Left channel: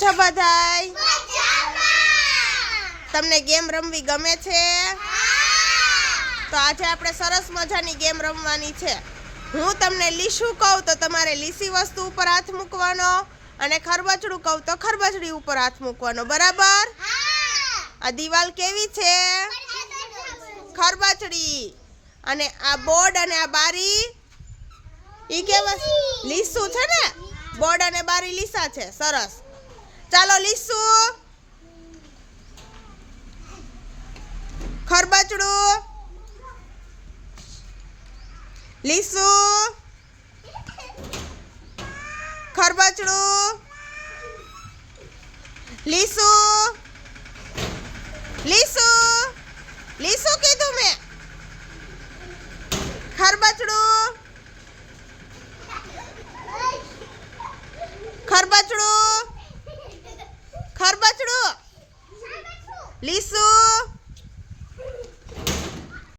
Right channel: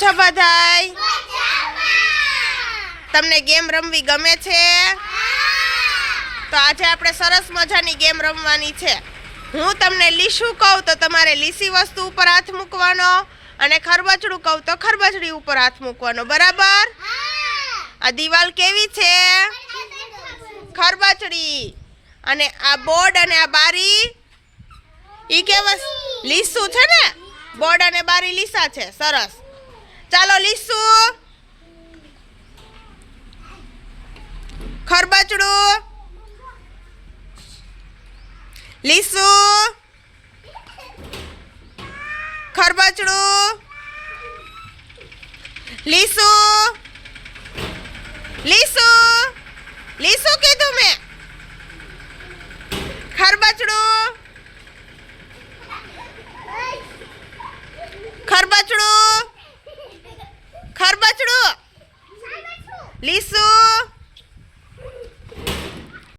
છો બધાય? તમને ગેમ રમવી ગમે છે? તો આજે આપણે સરસ મજાની ગેમ રમવાની છે. હું તમને લીસું કહું તો તમારે લીસી વસ્તુ ઉપર હાથ મૂકવાનો અને ખરબચડું કહું તો ખરબચડી ઉપર હાથ મૂકવાનો. બરાબર? આ દિવાલ કેવી છે? ખરબચડી. અને આ બોર્ડ અને આ બારી ઈ કેવા? લીસું છે ને? બોર્ડ અને બારી લીસા છે. સરસ. ચાલો લીસું, ખરબચડું, લીસું, ખરબચડું, લીસું, લીસું, લીસું કીધું મેં. ખરબચડું, ખરબચડું, ખરબચડું, લીસું,